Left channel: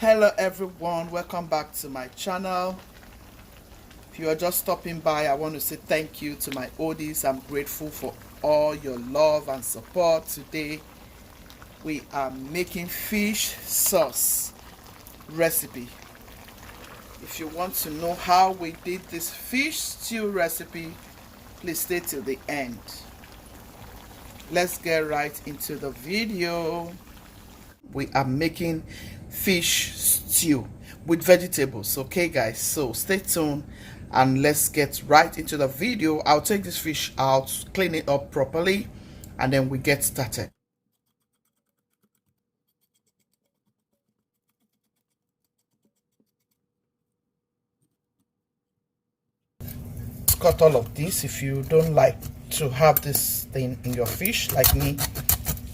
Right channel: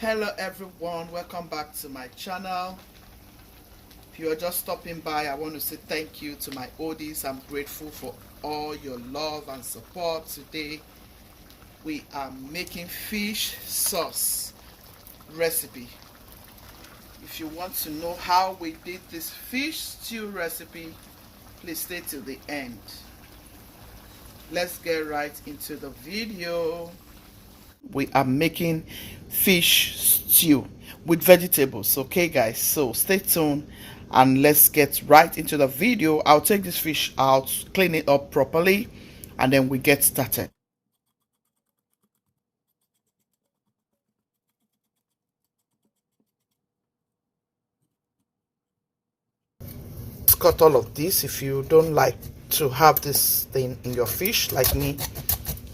Hello everyone, welcome back to my channel. If you are just stopping by, I want to say thank you to my oldies. I'm grateful for all your love and support. Today we are making fish sauce recipe. If you want to know how we did this fish stew recipe, please stay till the end. Let's get right into the video. We are making fish stew with vegetables, okay guys? So stay tuned and let's get right into the video. I'll take this fish out, clean it up properly, and then we get started. Cut all of this. If you don't like to have this thing in your fish like me,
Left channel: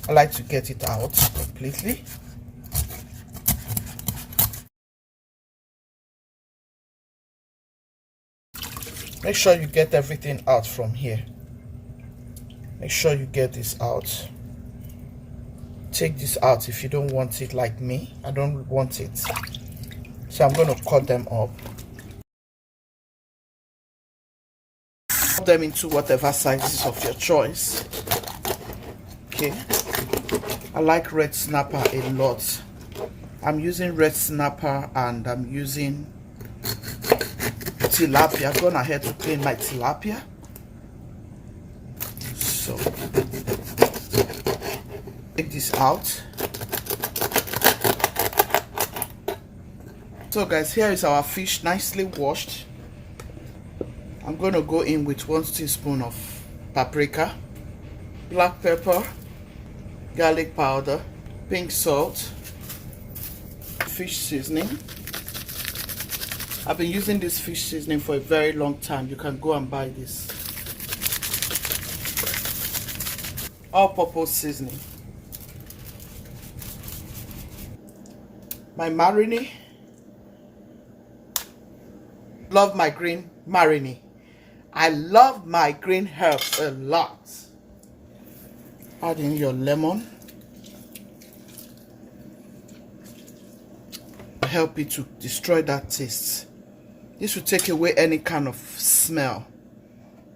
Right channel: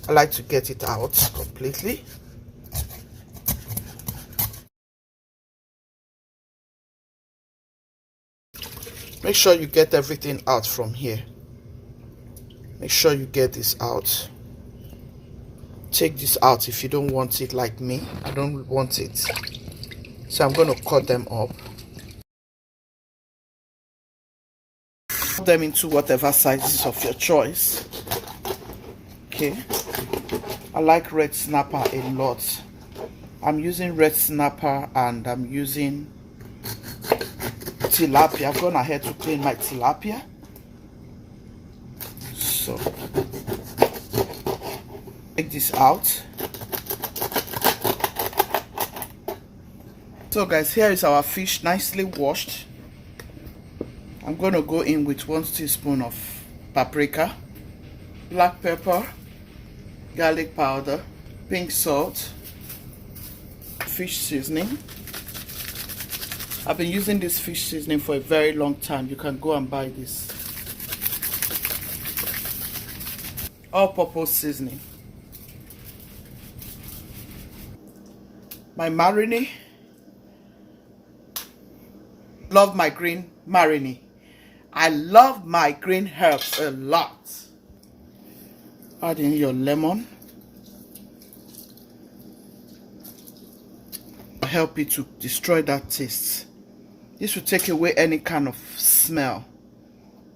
I like to get it out completely. Make sure you get everything out from here. Make sure you get this out. Take this out if you don't want it like me. I don't want it. So I'm going to cut them up. Cut them into whatever sizes of your choice. Okay. I like red snapper a lot. I'm using red snapper and I'm using tilapia. I've gone ahead to clean my tilapia. So take this out. So guys, here is our fish nicely washed. I'm going to go in with 1 teaspoon of paprika, black pepper, garlic powder, pink salt, fish seasoning. I've been using this fish seasoning for a very long time. You can go and buy this. All-purpose seasoning. My marinade. Love my green marinade. I love my green herbs a lot. Add in your lemon. Help it to destroy that taste. This will take away any kind of smell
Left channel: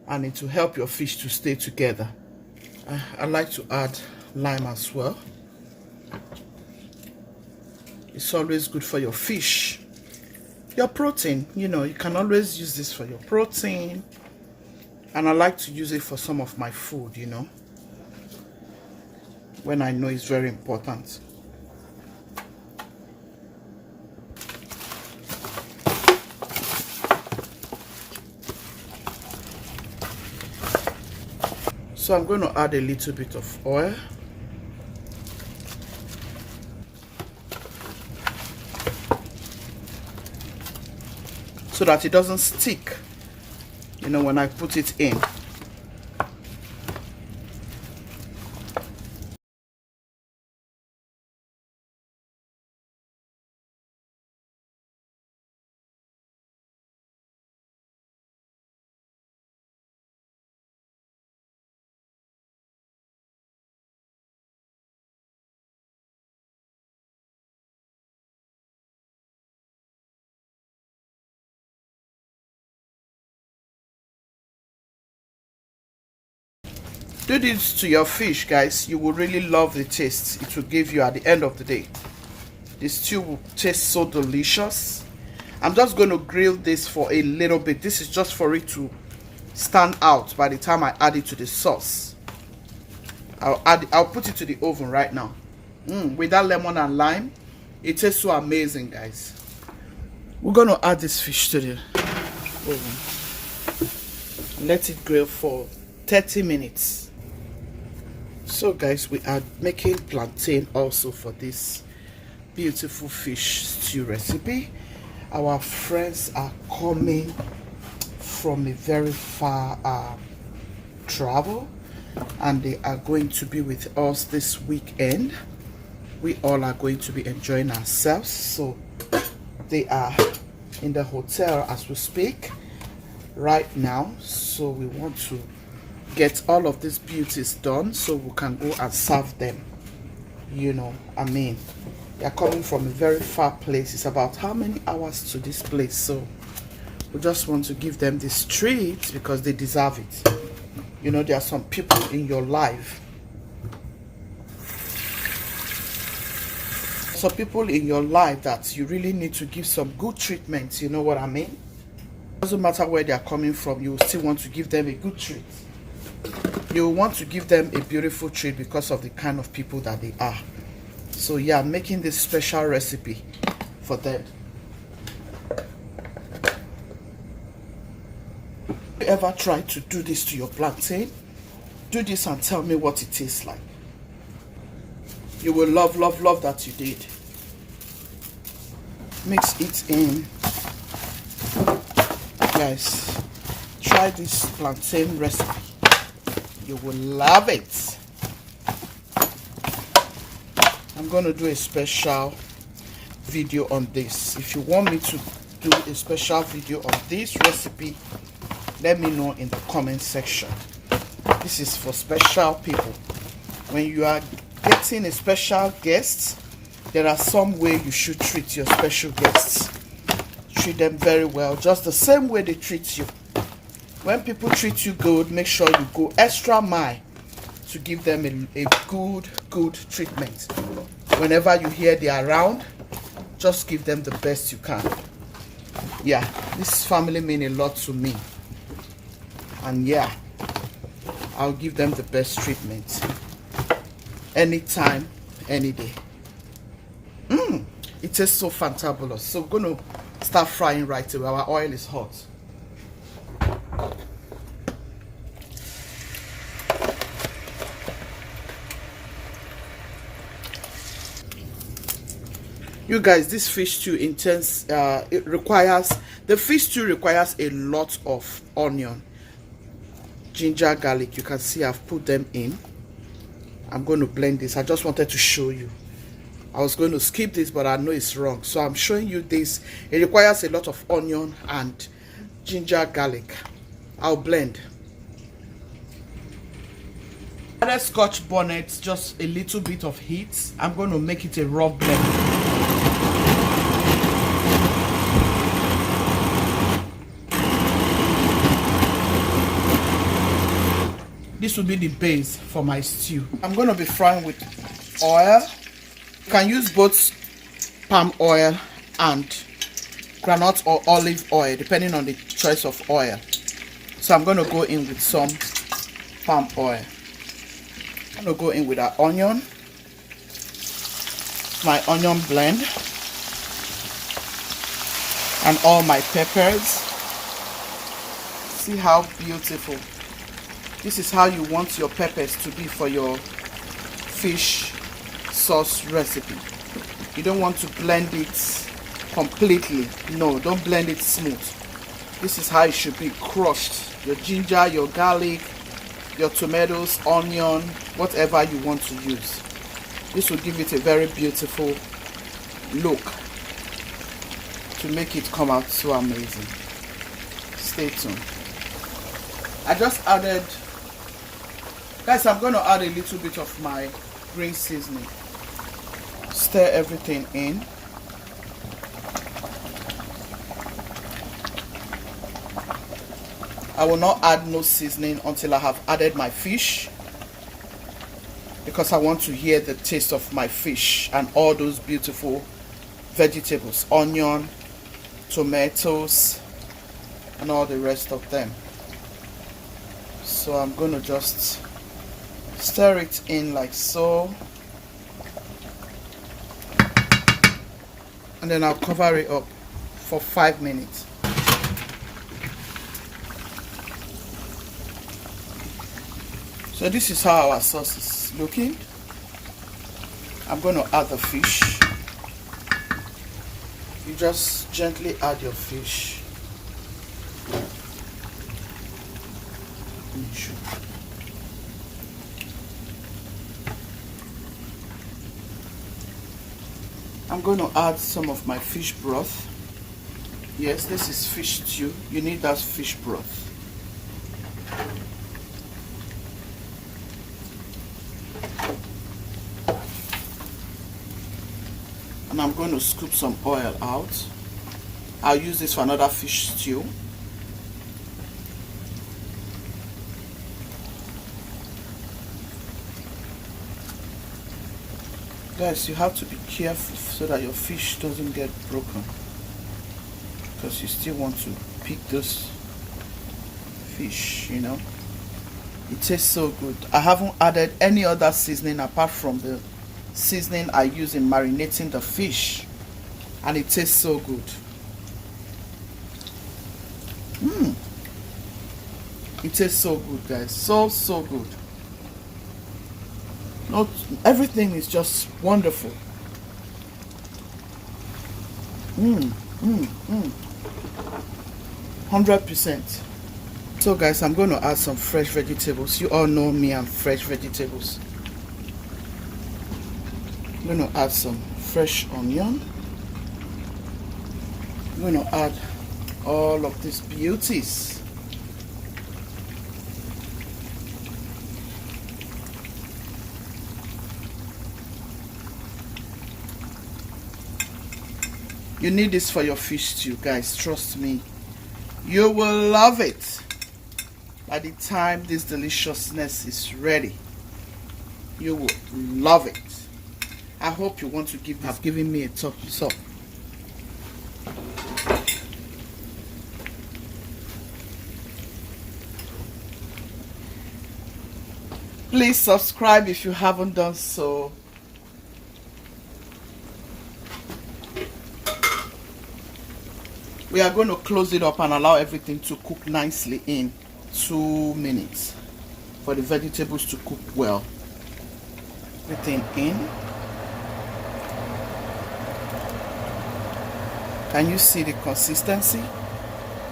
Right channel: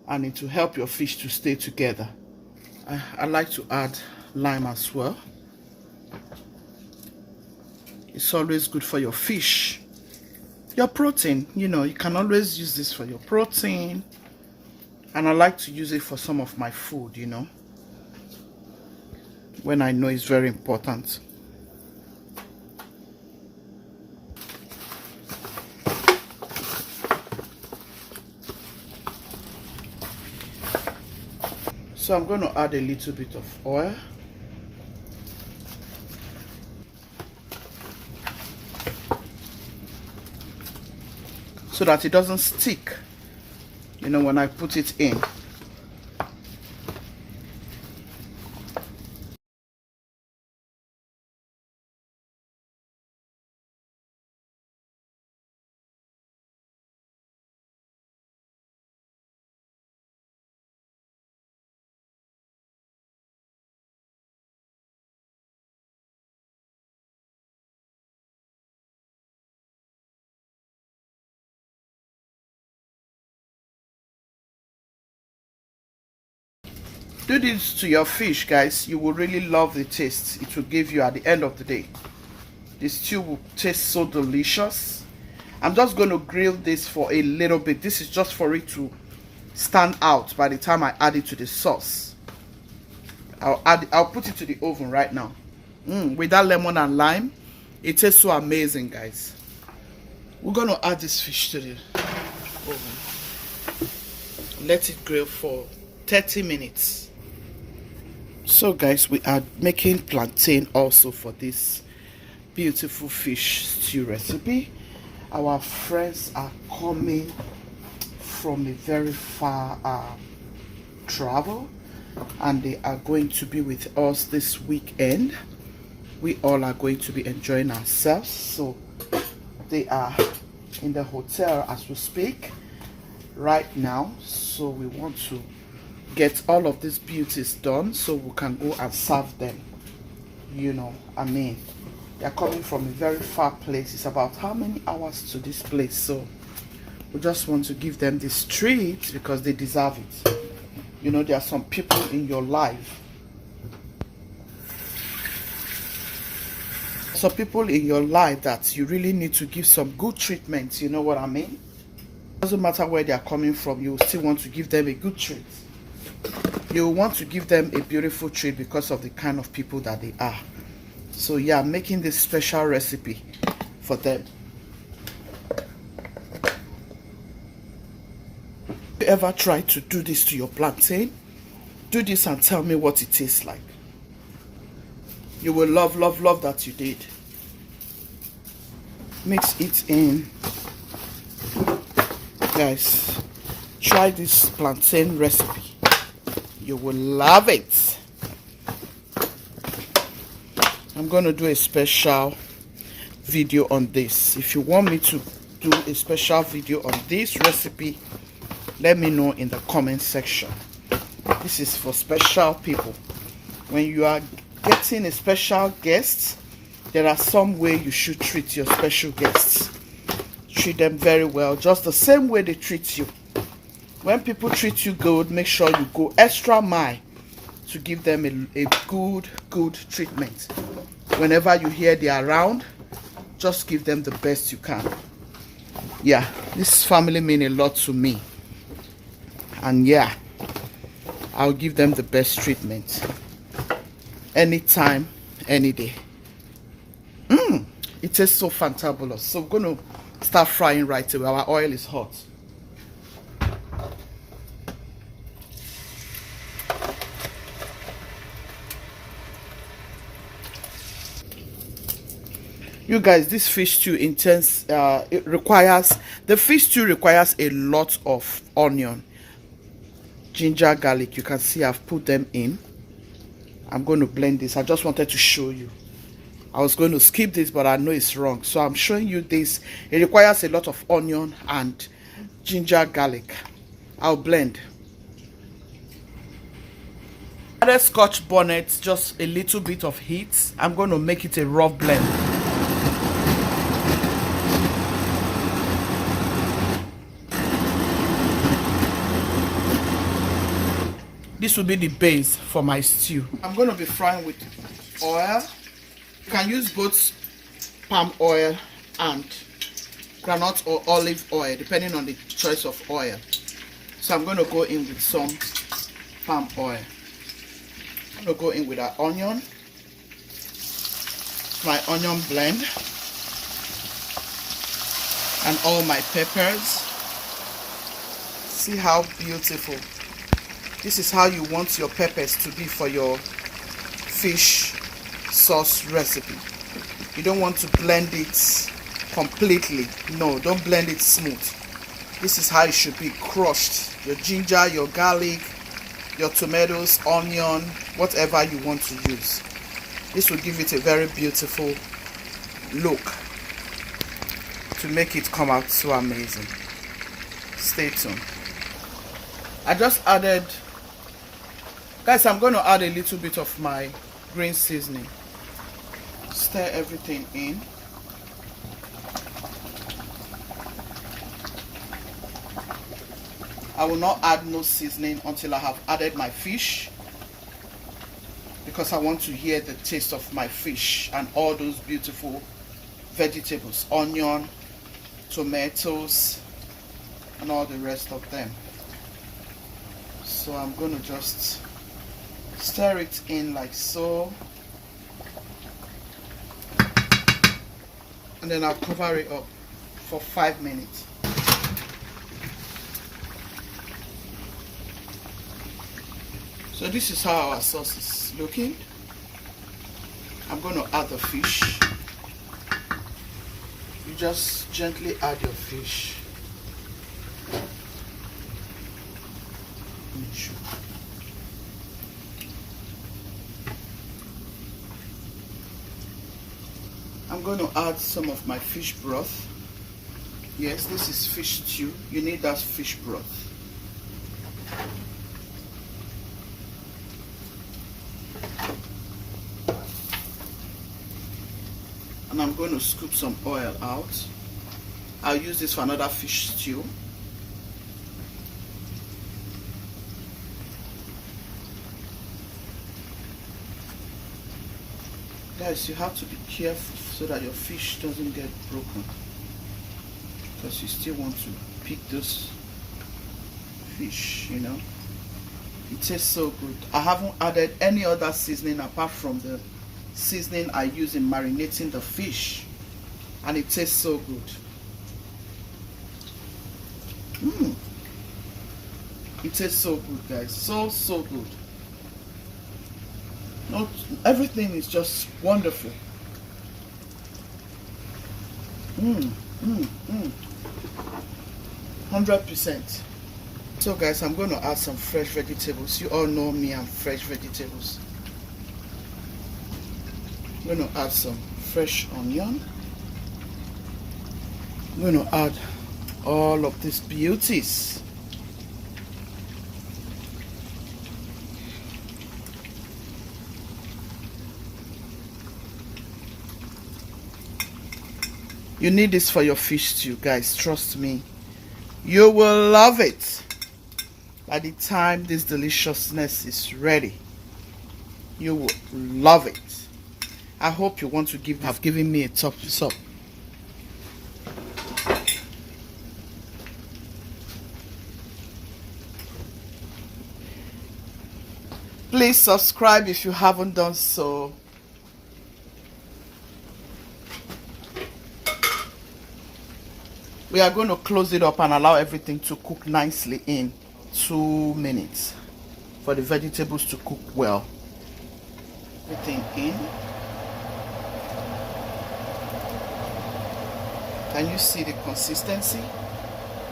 and it will help your fish to stay together. I like to add lime as well. It's always good for your fish. Your protein, you know, you can always use this for your protein. And I like to use it for some of my food, you know, when I know it's very important. So I'm going to add a little bit of oil. So that it doesn't stick, you know, when I put it in. Do this to your fish, guys. You will really love the taste it will give you at the end of the day. This stew will taste so delicious. I'm just going to grill this for a little bit. This is just for it to stand out by the time I add it to the sauce. I'll put it to the oven right now. With that lemon and lime, it tastes so amazing, guys. We're going to add this fish to the oven. Let it grill for 30 minutes. So guys, we are making plantain also for this beautiful fish stew recipe. Our friends are coming from a very far travel and they are going to be with us this weekend. We all are going to be enjoying ourselves. So they are in the hotel as we speak right now. So we want to get all of these beauties done so we can go and serve them, you know, I mean, They are coming from a very far place. It's about how many hours to this place? So we just want to give them this treat because they deserve it. You know, there are some people in your life. Some people in your life that you really need to give some good treatment. You know what I mean? Doesn't matter where they are coming from, you still want to give them a good treat. You want to give them a beautiful treat because of the kind of people that they are. So yeah, I'm making this special recipe for them. You ever try to do this to your plantain? Do this and tell me what it tastes like. You will love, love, love that you did. Mix it in. Guys, try this plantain recipe. You will love it. I'm going to do a special video on this. If you want me to do a special video on this recipe, let me know in the comment section. This is for special people. When you are getting a special guest, there are some way you should treat your special guests. Treat them very well, just the same way they treat you. When people treat you good, make sure you go extra mile to give them a good treatment. Whenever you hear they are around, just give them the best you can. Yeah, this family mean a lot to me. And yeah, I'll give them the best treatment. Anytime, any day. It tastes so fantabulous. So we're going to start frying right away. Our oil is hot. You guys, this fish stew the fish stew requires a lot of onion, ginger, garlic. You can see I've put them in. I'm going to blend this. I just wanted to show you. I was going to skip this, but I know it's wrong. So I'm showing you this. It requires a lot of onion and ginger, garlic. I'll blend. Added Scotch bonnet, just a little bit of heat. I'm going to make it a rough blend. This will be the base for my stew. I'm going to be frying with oil. You can use both palm oil and granite or olive oil, depending on the choice of oil. So I'm going to go in with some palm oil. I'm going to go in with our onion, my onion blend, and all my peppers. See how beautiful. This is how you want your peppers to be for your fish sauce recipe. You don't want to blend it completely. No, don't blend it smooth. This is how it should be crushed. Your ginger, your garlic, your tomatoes, onion, whatever you want to use. This will give it a very beautiful look to make it come out so amazing. Stay tuned. I just added, guys, I'm going to add a little bit of my green seasoning. Stir everything in. I will not add no seasoning until I have added my fish, because I want to hear the taste of my fish and all those beautiful vegetables, onion, tomatoes, and all the rest of them. So I'm going to just stir it in like so, and then I'll cover it up for 5 minutes. So this is how our sauce is looking. I'm going to add the fish. You just gently add your fish. I'm going to add some of my fish broth. Yes, this is fish stew. You need that fish broth. And I'm going to scoop some oil out. I'll use this for another fish stew. Guys, you have to be careful so that your fish doesn't get broken, because you still want to pick this fish, you know. It tastes so good. I haven't added any other seasoning apart from the seasoning I use in marinating the fish, and it tastes so good. It tastes so good, guys. So good. Not everything is just wonderful. 100%. So guys, I'm going to add some fresh vegetables. You all know me and fresh vegetables. I'm going to add some fresh onion. I'm going to add all of these beauties. You need this for your fish stew, guys. Trust me. You will love it. By the time this deliciousness is ready, you will love it. I hope you want to have given me a thumbs up. Please subscribe if you haven't done so. We are going to close it up and allow everything to cook nicely in 2 minutes for the vegetables to cook well. Everything in. Can you see the consistency?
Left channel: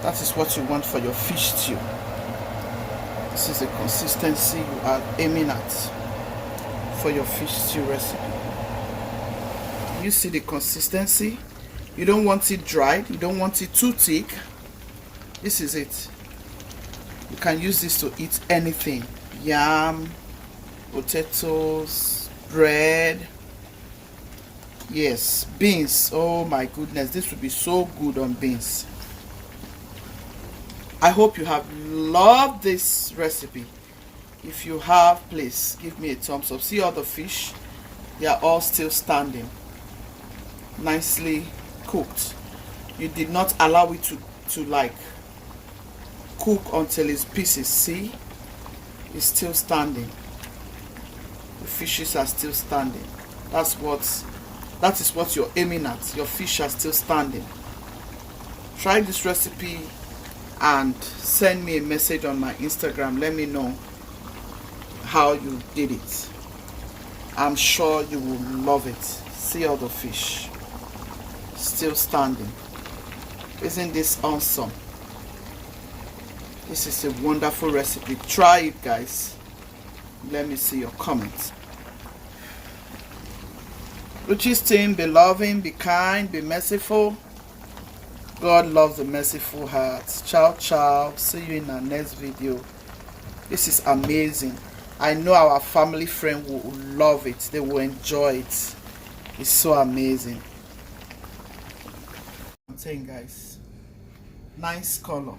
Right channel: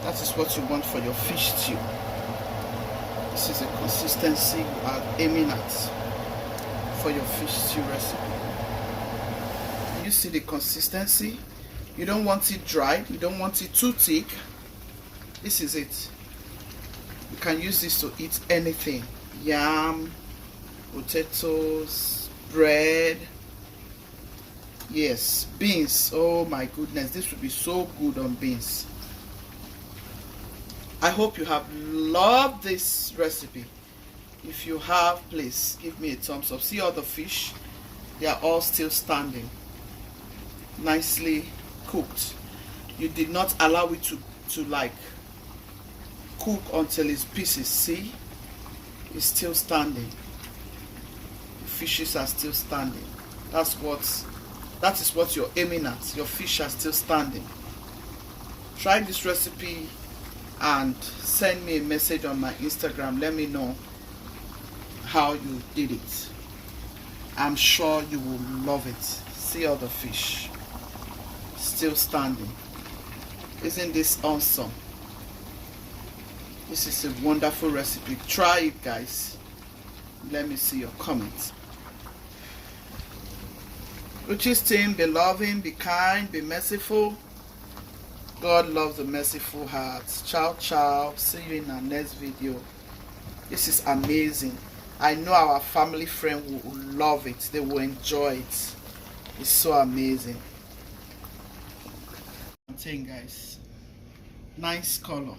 That is what you want for your fish stew. This is the consistency you are aiming at for your fish stew recipe. You see the consistency? You don't want it dried. You don't want it too thick. This is it. You can use this to eat anything. Yam, potatoes, bread. Yes, beans. Oh my goodness, this would be so good on beans. I hope you have loved this recipe. If you have, please give me a thumbs up. See all the fish? They are all still standing. Nicely cooked. You did not allow it to like cook until it's pieces. See, it's still standing. The fishes are still standing. That is what you're aiming at. Your fish are still standing. Try this recipe and send me a message on my Instagram. Let me know how you did it. I'm sure you will love it. See all the fish still standing. Isn't this awesome? This is a wonderful recipe. Try it, guys. Let me see your comments. Ruchi's team, be loving, be kind, be merciful. God loves a merciful heart. Ciao, ciao. See you in our next video. This is amazing. I know our family friend will love it. They will enjoy it. It's so amazing. I'm saying, guys, nice color.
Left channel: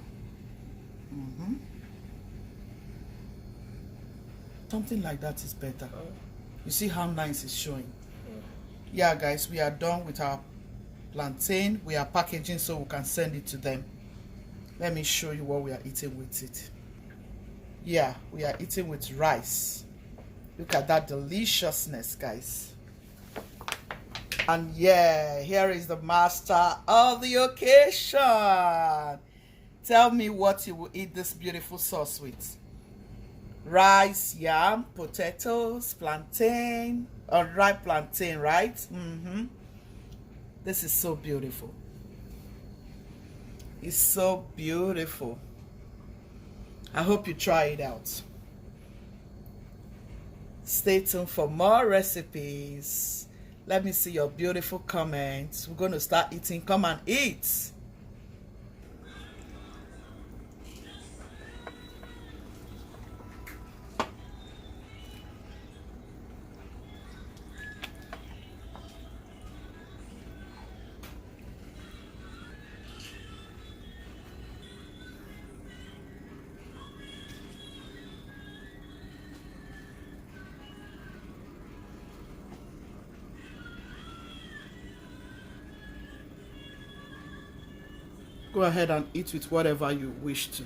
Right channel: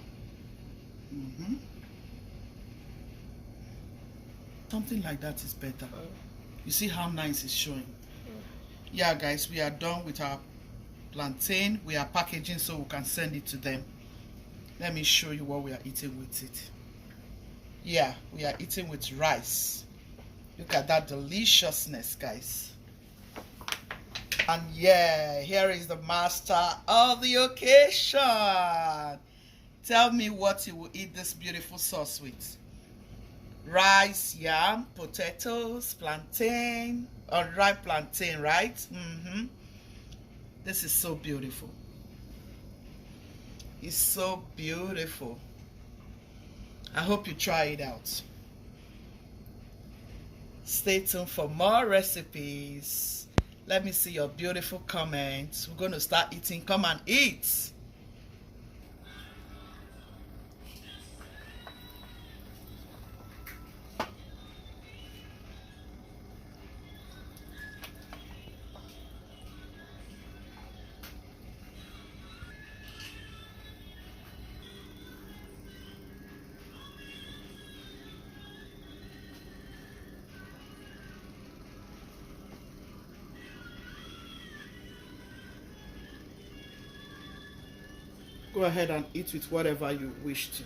Something like that is better. You see how nice it's showing. Yeah, guys, we are done with our plantain. We are packaging so we can send it to them. Let me show you what we are eating with it. Yeah, we are eating with rice. Look at that deliciousness, guys. And yeah, here is the master of the occasion. Tell me what you will eat this beautiful sauce with. Rice, yam, potatoes, plantain, unripe plantain, right? This is so beautiful. It's so beautiful. I hope you try it out. Stay tuned for more recipes. Let me see your beautiful comments. We're going to start eating. Come and eat. Go ahead and eat with whatever you wish to.